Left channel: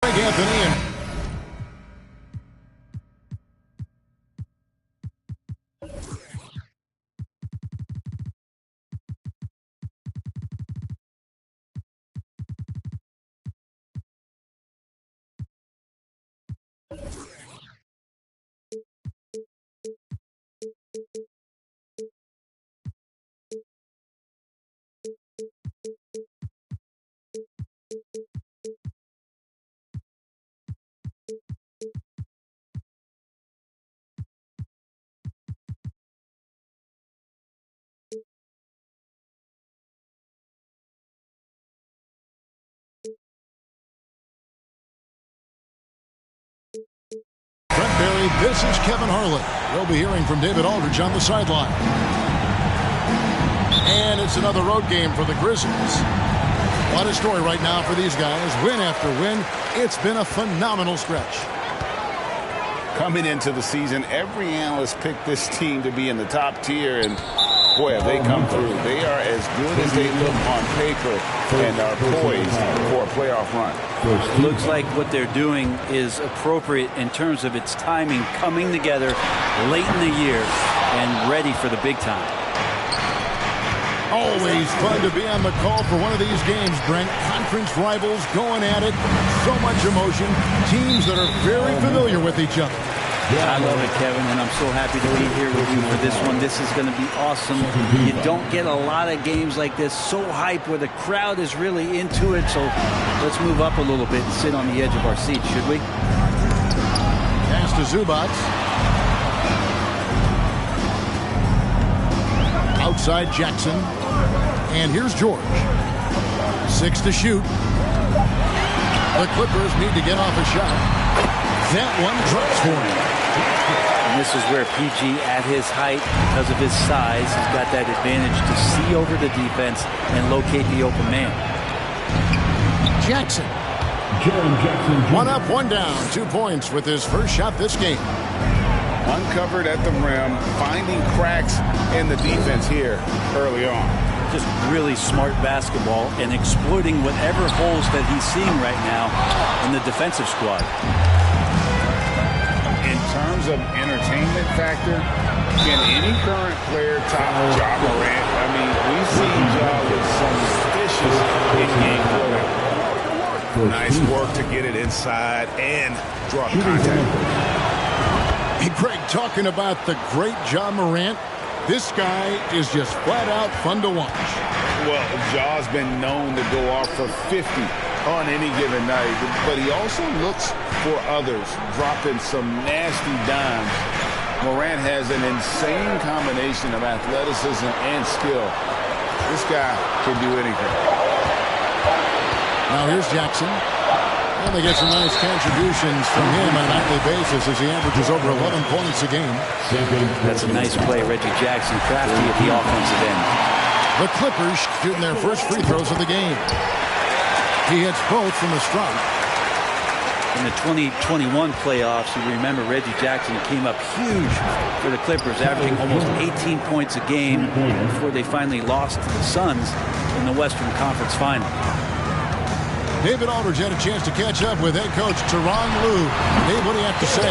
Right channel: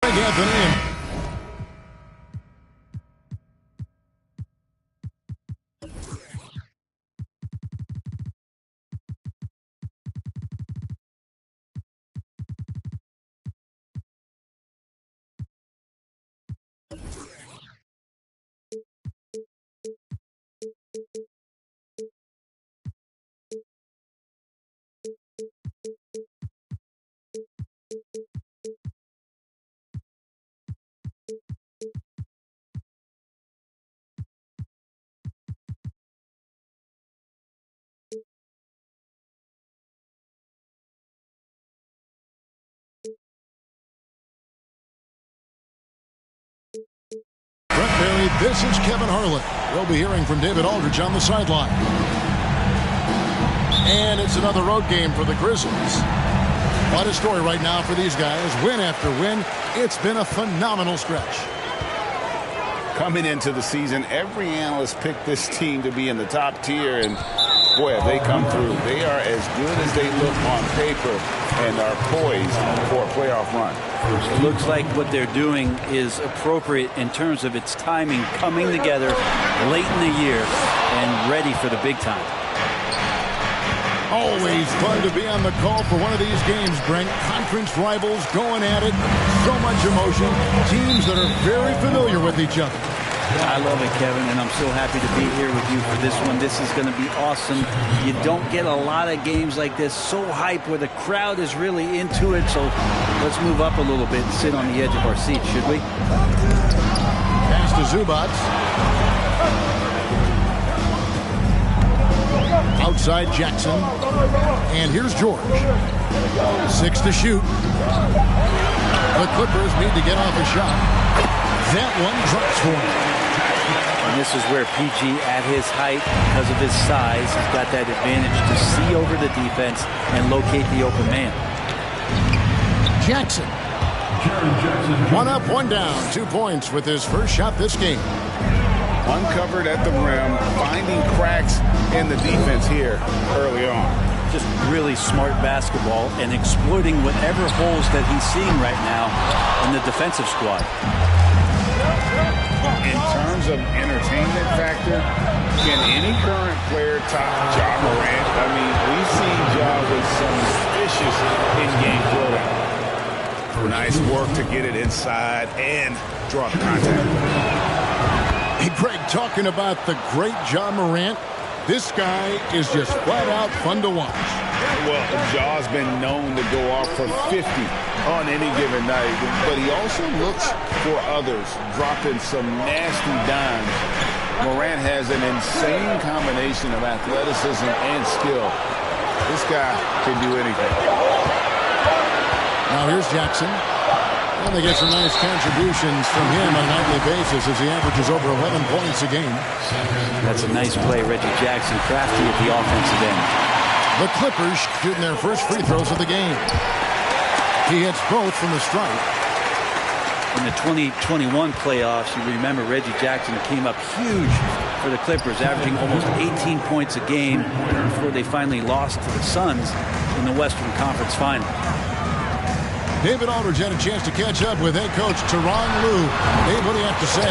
Greg Anthony and Brent Barry. This is Kevin Harlan. We'll be hearing from David Aldridge on the sideline. And it's another road game for the Grizzlies. What a story right now for these guys. Win after win. It's been a phenomenal stretch. Coming into the season, every analyst picked this team to be in the top tier, and boy, have they come through. They are as good as they look on paper and are poised for a playoff run. It looks like what they're doing is appropriate in terms of its timing, coming together late in the year and ready for the big time. Always fun to be on the call for one of these games, Brent. Conference rivals going at it. So much emotion. Teams that are very familiar with each other. I love it, Kevin, and I'm so happy to be here with you for this one. This is going to be awesome. You don't get a lot of games like this, so hype, where the crowd is really into it. So let's move up a little bit and sit on the edge of our seats, should we? Pass to Zubac. Outside Jackson. And here's George. 6 to shoot. The Clippers need to get off a shot. That one drops for him. And this is where PG, at his height, because of his size, has got that advantage to see over the defense and locate the open man. Jackson. One up, one down. 2 points with his first shot this game. Uncovered at the rim, finding cracks in the defense here early on. Just really smart basketball and exploiting whatever holes that he's seeing right now in the defensive squad. In terms of entertainment factor, can any current player top Ja Morant? I mean, we've seen Ja with some vicious in-game throwdown. Nice work to get it inside and draw the contact. Hey, Greg, talking about the great Ja Morant, this guy is just flat out fun to watch. Well, Ja's been known to go off for 50 on any given night, but he also looks for others, dropping some nasty dimes. Morant has an insane combination of athleticism and skill. This guy can do anything. Now here's Jackson. And they get some nice contributions from him on a nightly basis as he averages over 11 points a game. That's a nice play, Reggie Jackson, crafty at the offensive end. The Clippers shooting their first free throws of the game. He hits both from the stripe. In the 2021 playoffs, you remember Reggie Jackson came up huge for the Clippers, averaging almost 18 points a game before they finally lost to the Suns in the Western Conference Finals. David Aldridge had a chance to catch up with head coach Tyronn Lue. Dave, what do you have to say?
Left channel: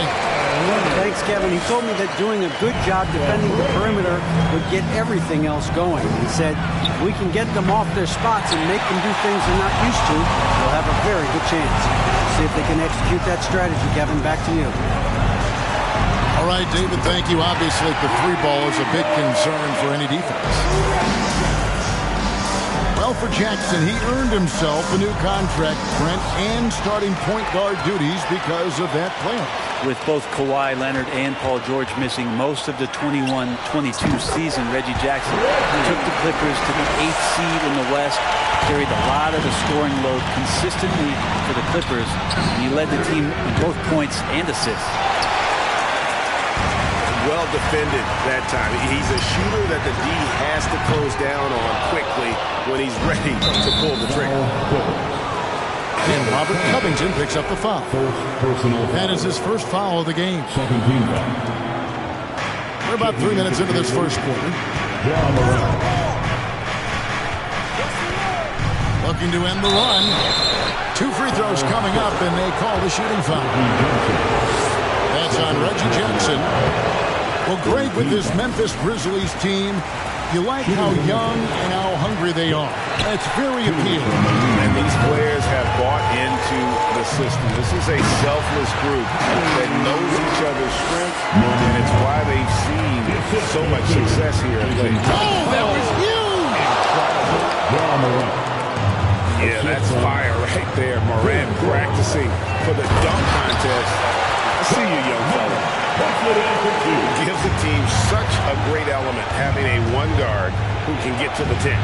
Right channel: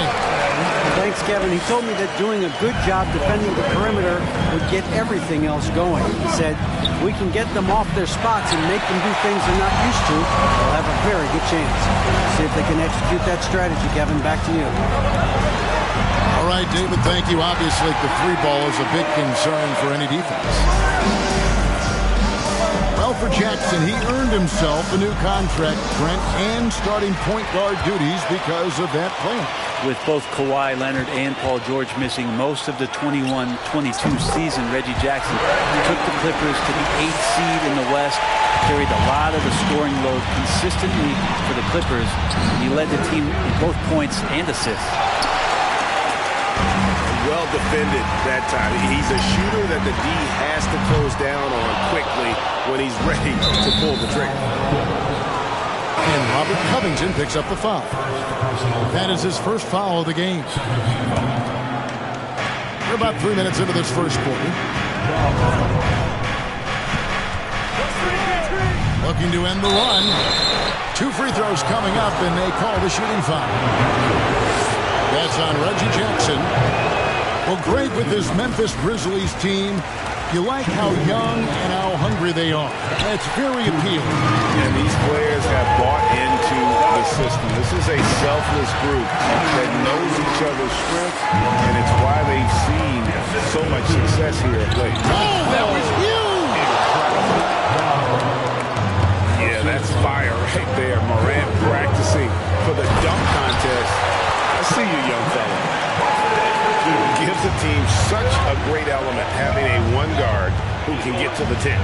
Thanks, Kevin. He told me that doing a good job defending the perimeter would get everything else going. He said, if we can get them off their spots and make them do things they're not used to, we'll have a very good chance. See if they can execute that strategy, Kevin. Back to you. All right, David, thank you. Obviously, the three ball is a big concern for any defense. Well, for Jackson, he earned himself a new contract, Brent, and starting point guard duties because of that playoff. With both Kawhi Leonard and Paul George missing most of the 21-22 season, Reggie Jackson took the Clippers to the 8th seed in the West, carried a lot of the scoring load consistently for the Clippers, and he led the team in both points and assists. Well defended that time. He's a shooter that the D has to close down on quickly when he's ready to pull the trigger. And Robert Covington picks up the foul. That is his first foul of the game. We're about 3 minutes into this first quarter. Looking to end the run. 2 free throws coming up, and they call the shooting foul. That's on Reggie Jackson. Well, Greg, with this Memphis Grizzlies team, you like how young and how hungry they are. It's very appealing. And these players have bought into the system. This is a selfless group that knows each other's strengths, and it's why they've seen so much success here of late. Oh, that was huge! Incredible. Yeah, that's fire right there. Morant practicing for the dunk contest. I see you, young fella. Gives the team such a great element having a one guard who can get to the 10.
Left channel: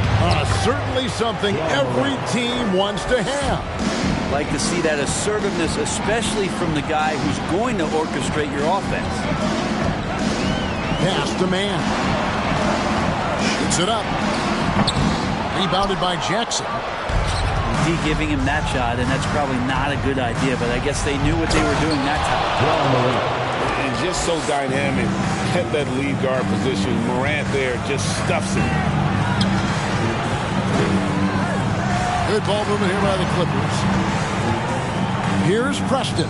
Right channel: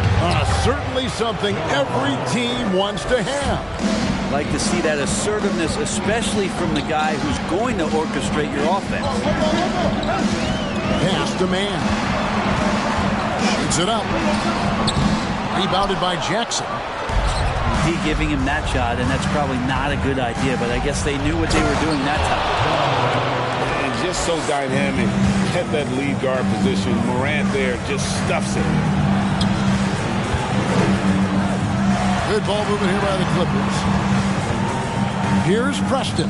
Certainly something every team wants to have. Like to see that assertiveness, especially from the guy who's going to orchestrate your offense. Pass to man. Shoots it up. Rebounded by Jackson. D giving him that shot, and that's probably not a good idea, but I guess they knew what they were doing that time. And just so dynamic at that lead guard position. Morant there just stuffs it. Good ball movement here by the Clippers. Here's Preston.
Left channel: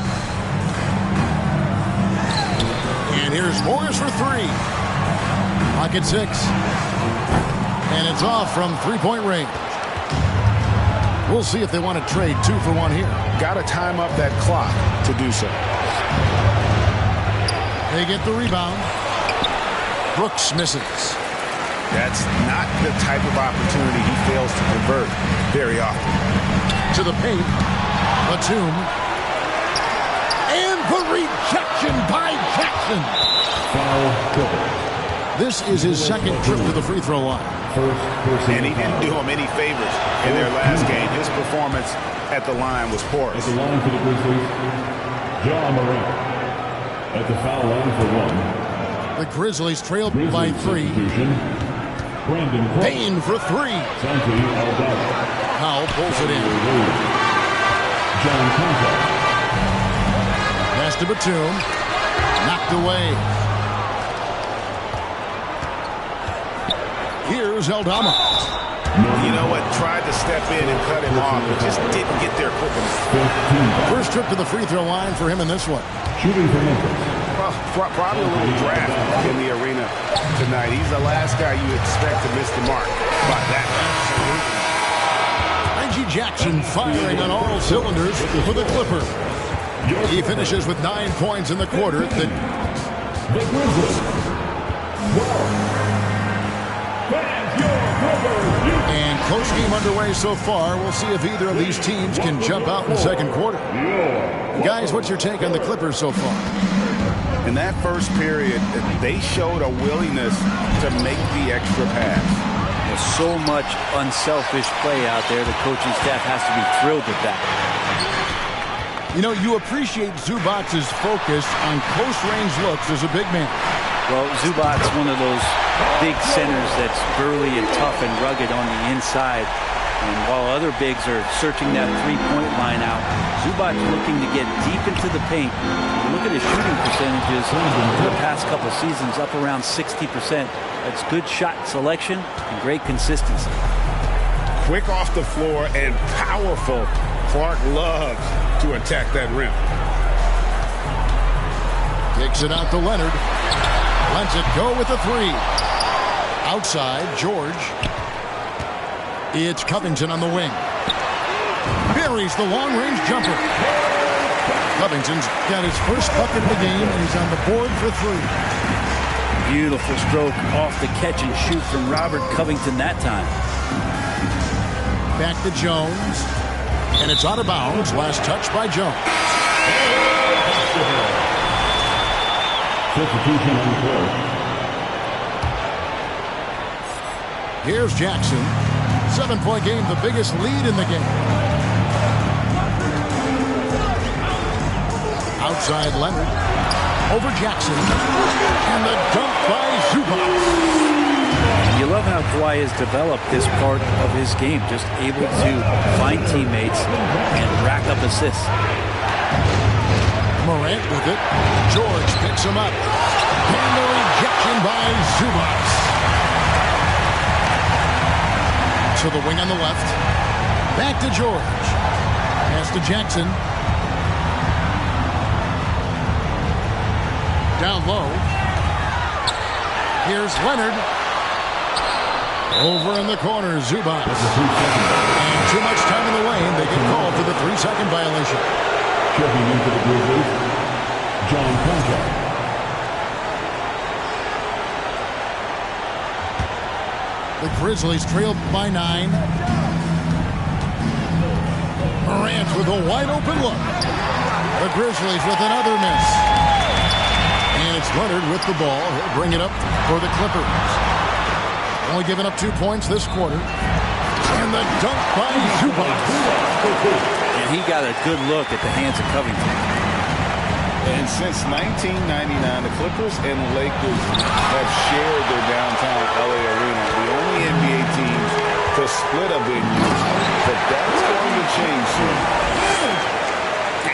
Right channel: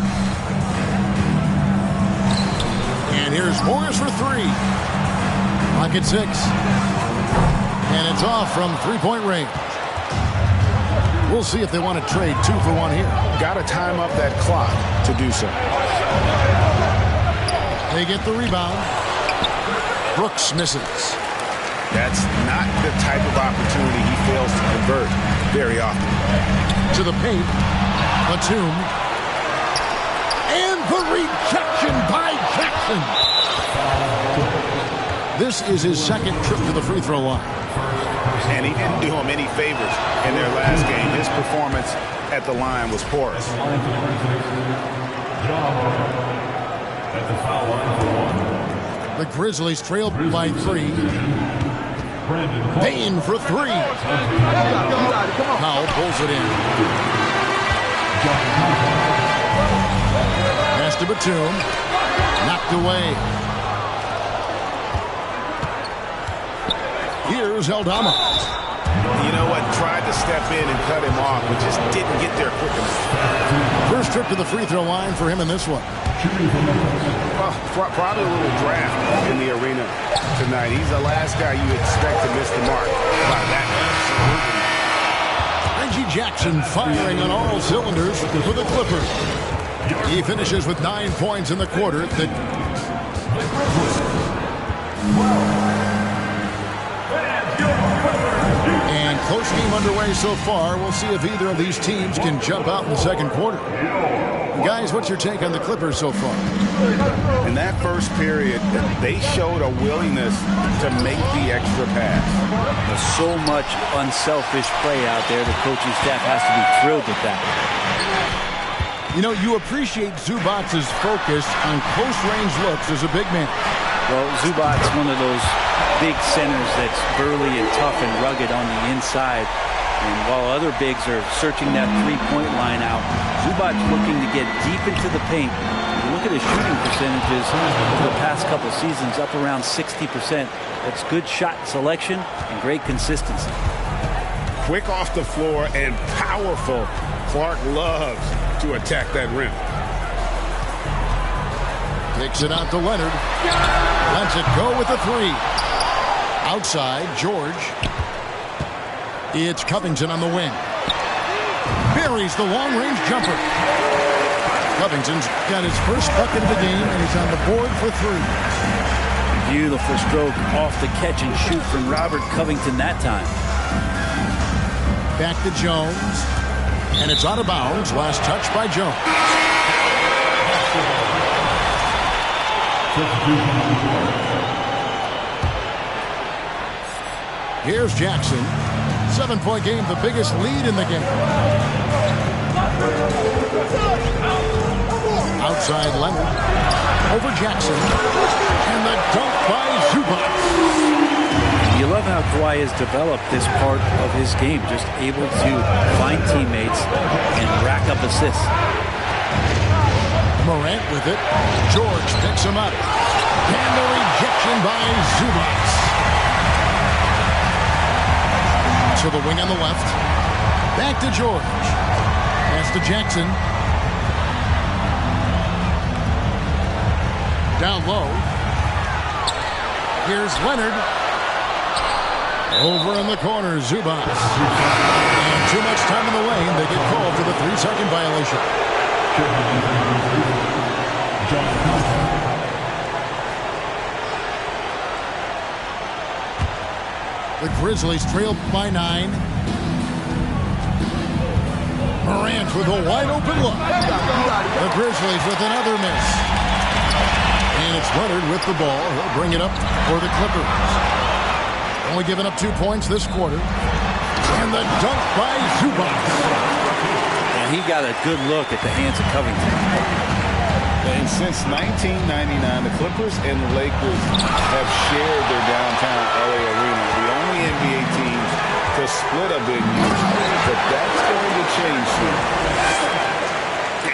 And here's Morris for 3. Clock at 6. And it's off from three-point range. We'll see if they want to trade 2 for 1 here. Got to time up that clock to do so. They get the rebound. Brooks misses. That's not the type of opportunity he fails to convert very often. To the paint. Batum. And the rejection by Jackson. This is his second trip to the free throw line. And he didn't do him any favors in their last game. His performance at the line was porous. At the line for the Grizzlies, Ja Morant. At the foul line for 1. The Grizzlies trail by 3. Payne for 3. Powell pulls it in. Pass to Batum. Knocked away. Here's Aldama. You know what? Tried to step in and cut him off, but just didn't get there quick enough. First trip to the free throw line for him in this one. Shooting for Memphis. Probably a little draft in the arena tonight. He's the last guy you expect to miss the mark by that much. Reggie Jackson firing on all cylinders for the Clippers. He finishes with 9 points in the quarter. The Grizzlies. And close game underway so far. We'll see if either of these teams can jump out in the second quarter. Guys, what's your take on the Clippers so far? In that first period, they showed a willingness to make the extra pass. There's so much unselfish play out there. The coaching staff has to be thrilled with that. You know, you appreciate Zubac's focus on close-range looks as a big man. Well, Zubac's one of those big centers that's burly and tough and rugged on the inside. And while other bigs are searching that three-point line out, Zubac's looking to get deep into the paint. You look at his shooting percentages over the past couple seasons, up around 60%. That's good shot selection and great consistency. Quick off the floor and powerful. Clark loves to attack that rim. Kicks it out to Leonard. Lets it go with a 3. Outside, George. It's Covington on the wing. Buries the long-range jumper. Covington's got his first bucket of the game, and he's on the board for 3. Beautiful stroke off the catch and shoot from Robert Covington that time. Back to Jones. And it's out of bounds. Last touch by Jones. Substitution on the floor. Here's Jackson. 7-point game, the biggest lead in the game. Outside Leonard. Over Jackson. And the dunk by Zubac. You love how Kawhi has developed this part of his game, just able to find teammates and rack up assists. Morant with it. George picks him up. And the rejection by Zubac. To the wing on the left. Back to George. Pass to Jackson. Down low. Here's Leonard. Over in the corner, Zubac. And too much time in the lane. They get called for the 3-second violation. Checking into the Grizzlies, John Conchar. The Grizzlies trail by 9. Morant with a wide open look. The Grizzlies with another miss. And it's Leonard with the ball. He'll bring it up for the Clippers. Only giving up 2 points this quarter. And the dunk by Zubac. And he got a good look at the hands of Covington. And since 1999, the Clippers and the Lakers have shared their downtown LA arena, the only NBA teams to split a venue, but that's going to change soon.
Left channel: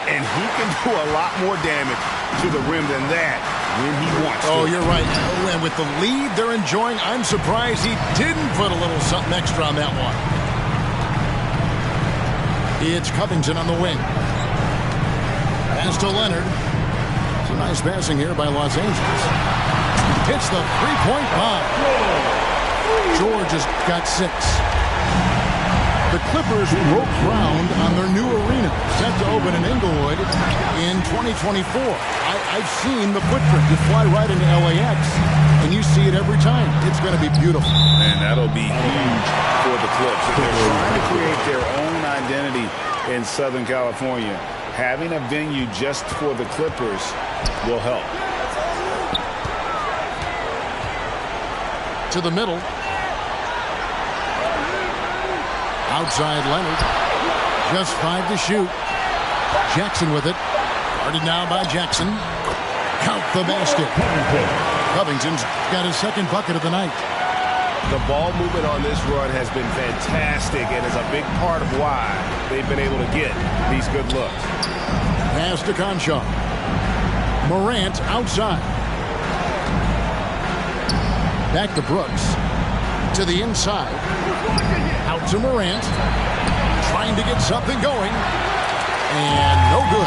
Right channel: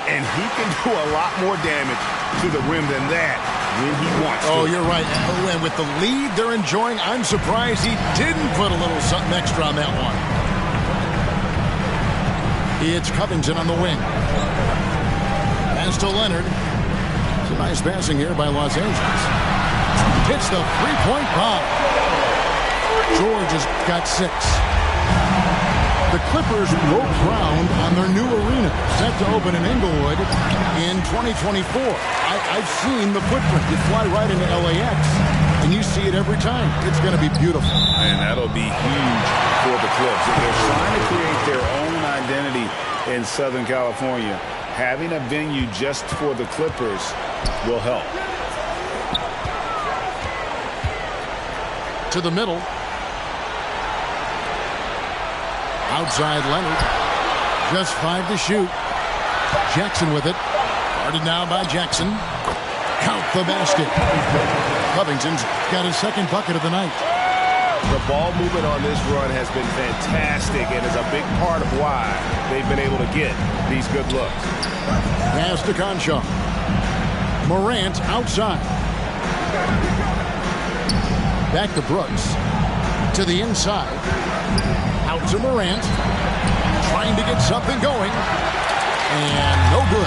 And he can do a lot more damage to the rim than that when he wants to. Oh, you're right. Oh, and with the lead they're enjoying, I'm surprised he didn't put a little something extra on that one. It's Covington on the wing. Pass to Leonard. It's a nice passing here by Los Angeles. Hits the three-point bomb. George has got 6. The Clippers broke ground on their new arena, set to open in Inglewood in 2024. I've seen the footprint. You fly right into LAX, and you see it every time. It's going to be beautiful. And that'll be huge for the Clips. If they're trying to create their own identity in Southern California, having a venue just for the Clippers will help. To the middle. Outside Leonard. Just 5 to shoot. Jackson with it. Guarded now by Jackson. Count the basket. Covington's got his second bucket of the night. The ball movement on this run has been fantastic and is a big part of why they've been able to get these good looks. Pass to Conchar. Morant outside. Back to Brooks. To the inside. Out to Morant. Trying to get something going. And no good.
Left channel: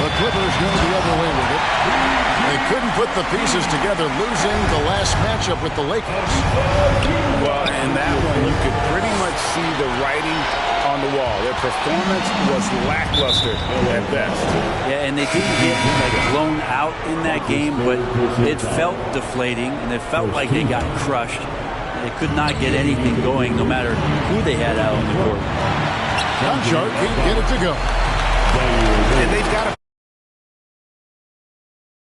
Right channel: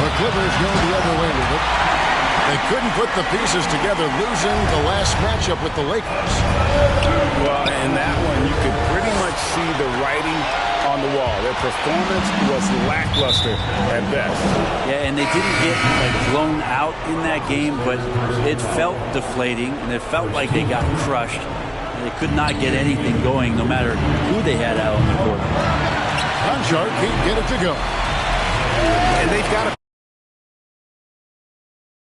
The Clippers go the other way with it. They couldn't put the pieces together, losing the last matchup with the Lakers. Well, in that one, you could pretty much see the writing on the wall. Their performance was lackluster at best. Yeah, and they didn't get blown out in that game, but it felt deflating, and it felt like they got crushed. And they could not get anything going, no matter who they had out on the court. Conchar can't get it to go. And they've got to